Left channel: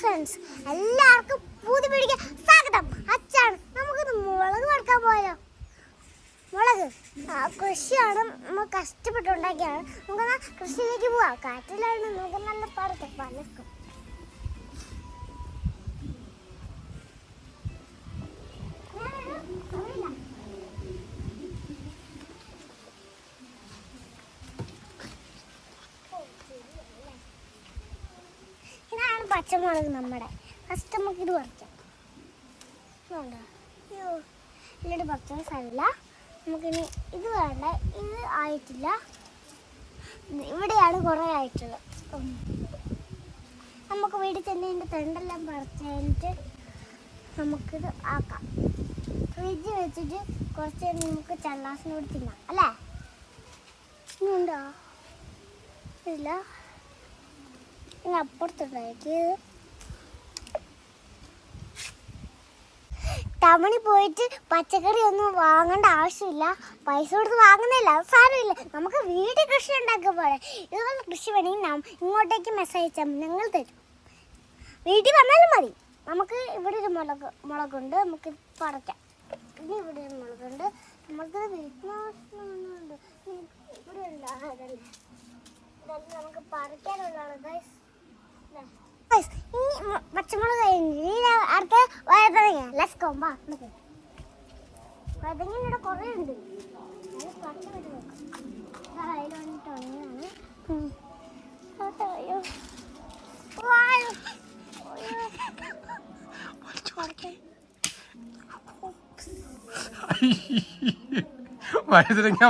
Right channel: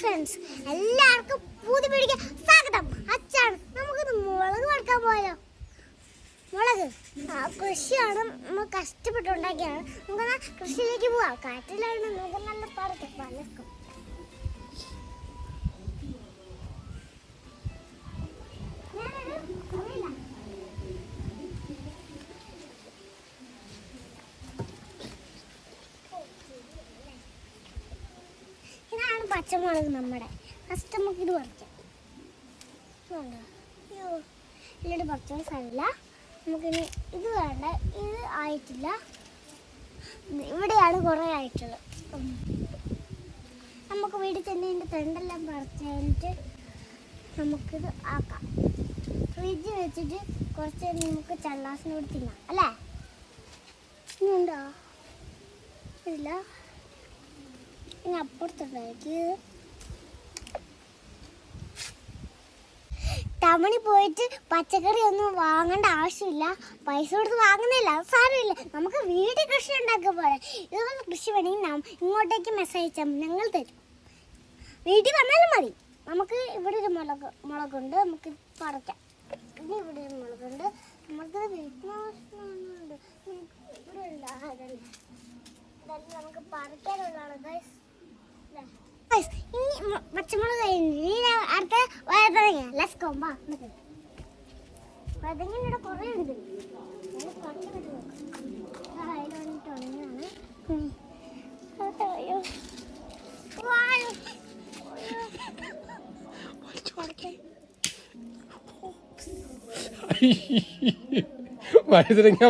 Friends എല്ലാവർക്കും പൂതി പിടിക്കാൻ സ്വാഗതം. അച്ഛാണ് നമുക്കിത് മുളക് വറുക്കാൻ പോയാലോ മുളക് കൃഷിയാണ് നമ്മൾ കഷ്ടപ്പെട്ടുണ്ടാക്കിയാണ് നമുക്ക് കൃഷിയിലേക്ക് പോവാം. കാറ്റിലാണ് നമുക്ക് നല്ല പറിക്കാം. പലർക്കും പച്ചമുളക് നമ്മുടെ. ഫസ്റ്റ് നമുക്ക് ഇത് പറിക്കാം. വേണ്ട അയ്യോ ഇല്ലടി പറിക്കാൻ സാരമില്ല നമുക്കിനി ഇത് വേണ്ട. ഇത് ആയിട്ടില്ല. ഇവിടെയാണ് കുറേ ആയിട്ടുള്ളത്. നമുക്ക് വീട്ടിൽ തന്നെ ഇതിന്റെ തെണ്ടെല്ലാം പറിച്ച് കഴിഞ്ഞിട്ട് നമുക്കിത് ആക്കാം. ഫ്രിഡ്ജ് വെച്ചിട്ട് കുറച്ച് നമുക്ക് ചള്ളാസിനോട് തിന്നാം. അല്ലേ? ഇനി ഉണ്ടോ? ഇല്ല. ഇനി അപ്പുറത്തുണ്ടാക്കി ടൗണിൽ പോയിട്ട് പച്ചക്കറി ഒന്നും വാങ്ങേണ്ട ആവശ്യമില്ല. പൈസ കൊടുത്ത് വാങ്ങുന്നില്ല സാരമില്ല. നമുക്ക് വീട്ടിൽ കൃഷി ഉണ്ടാക്കുക പോലെ ഇതുപോലെ കൃഷി വേണമെങ്കിൽ നാം ഇങ്ങോട്ടേക്ക് മെസ്സേജ് അയച്ചാൽ ഞങ്ങൾ തരും. വീട്ടിൽ വന്നാലും മതി. നമുക്ക് ഇവിടെ ഒരു മുളക് മുളകുണ്ട്. നമുക്ക് പറിക്കാം. പിന്നെ ഇവിടെ ഒരു മുളകുണ്ട്. നമുക്ക് വീട്ടിൽ നമുക്ക് പറിക്കാനുള്ളതാണ് ഗൈസ് അടുത്ത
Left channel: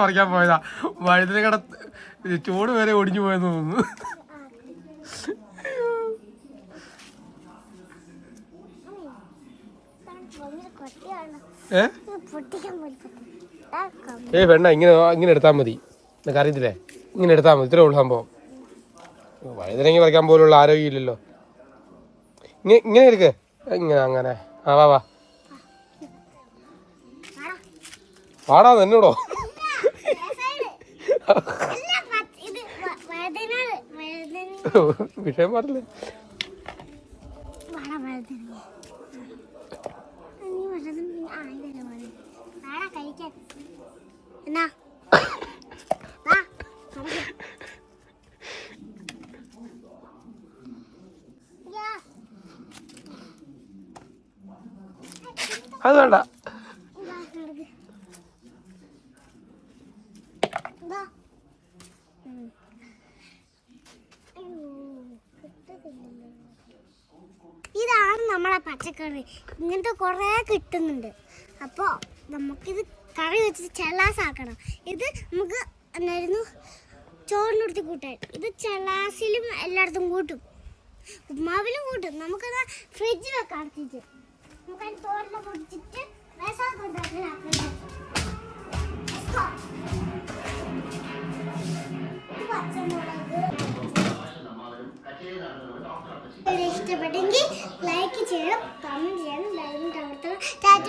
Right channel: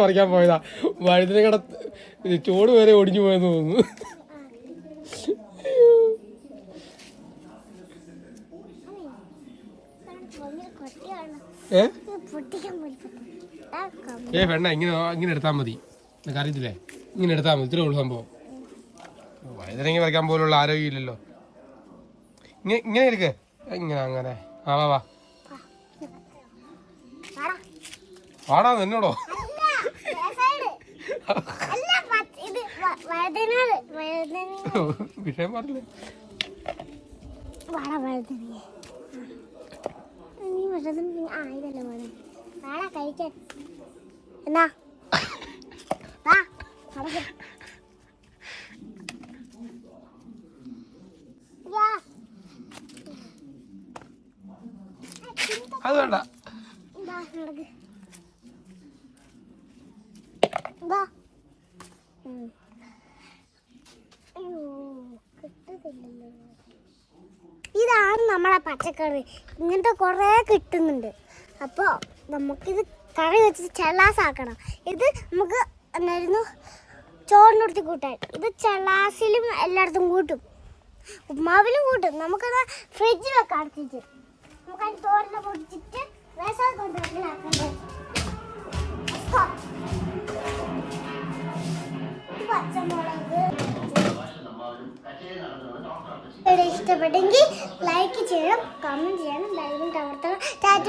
പറിക്കാൻ പോയതാ. വഴുതനങ്ങയുടെ ചൂട് വരെ ഒടിഞ്ഞു പോയെന്ന് തോന്നുന്നു. ഏ? വേണ്ട ഇങ്ങനെ ഇങ്ങനെ എടുത്താൽ മതി. നിനക്ക് അറിയത്തില്ലേ? ഇങ്ങനെ എടുത്താൽ മതി. ഇത്രേ ഉള്ളൂ സംഭവം. വഴുതനങ്ങ പറിക്കാൻ പോലുള്ള ആരോഗ്യമില്ലല്ലോ. ഇങ്ങനെ ഇങ്ങനെ എടുക്കേ. ഇങ്ങനെ അങ്ങനെ. ആ വാ വാ. ആടാ. വാടാ തന്നോടോ. അല്ല, രസാണ്. അല്ല, പച്ച- ഇത് വ- വഴുതനങ്ങ, വഴുതനങ്ങ. വിഷയം പറഞ്ഞില്ലേ വഴുതനങ്ങ, ആ, ഇതല്ലേ വഴുതനങ്ങ. വാടാ, കഴിക്കാൻ. എന്നാ വാ. അത് വേണ്ട നമ്മളെ പച്ചക്കറി. ഇങ്ങനത്തെ കുറേ കിട്ടുന്നുണ്ട്. അപ്പോൾ നമുക്കിത് കറി വെച്ചിട്ട് ചെള്ളാസാക്കണം ഇത് നമുക്ക് എന്നായിരുന്നു? ചോറിനടുത്ത് കൂട്ടാൻ. ഇത് ചെള്ളാസിലും എല്ലായിടത്തും കൂട്ടും. ഉപ്മാവിലും കൂട്ടും. നമുക്കത് ഫ്രിഡ്ജിൽ വെക്കാൻ നമുക്ക് നമുക്കത് ചോറിനെ പൊടിച്ചിട്ട് റേഷൻ കൊണ്ടുവരലാക്കണ്ടേ ഇഷ്ടപ്പെട്ടെങ്കിൽ ലൈക്ക് ചെയ്യണം കമന്റ് ചെയ്യണം ലൈവും കമർത്തണം ടാറ്റ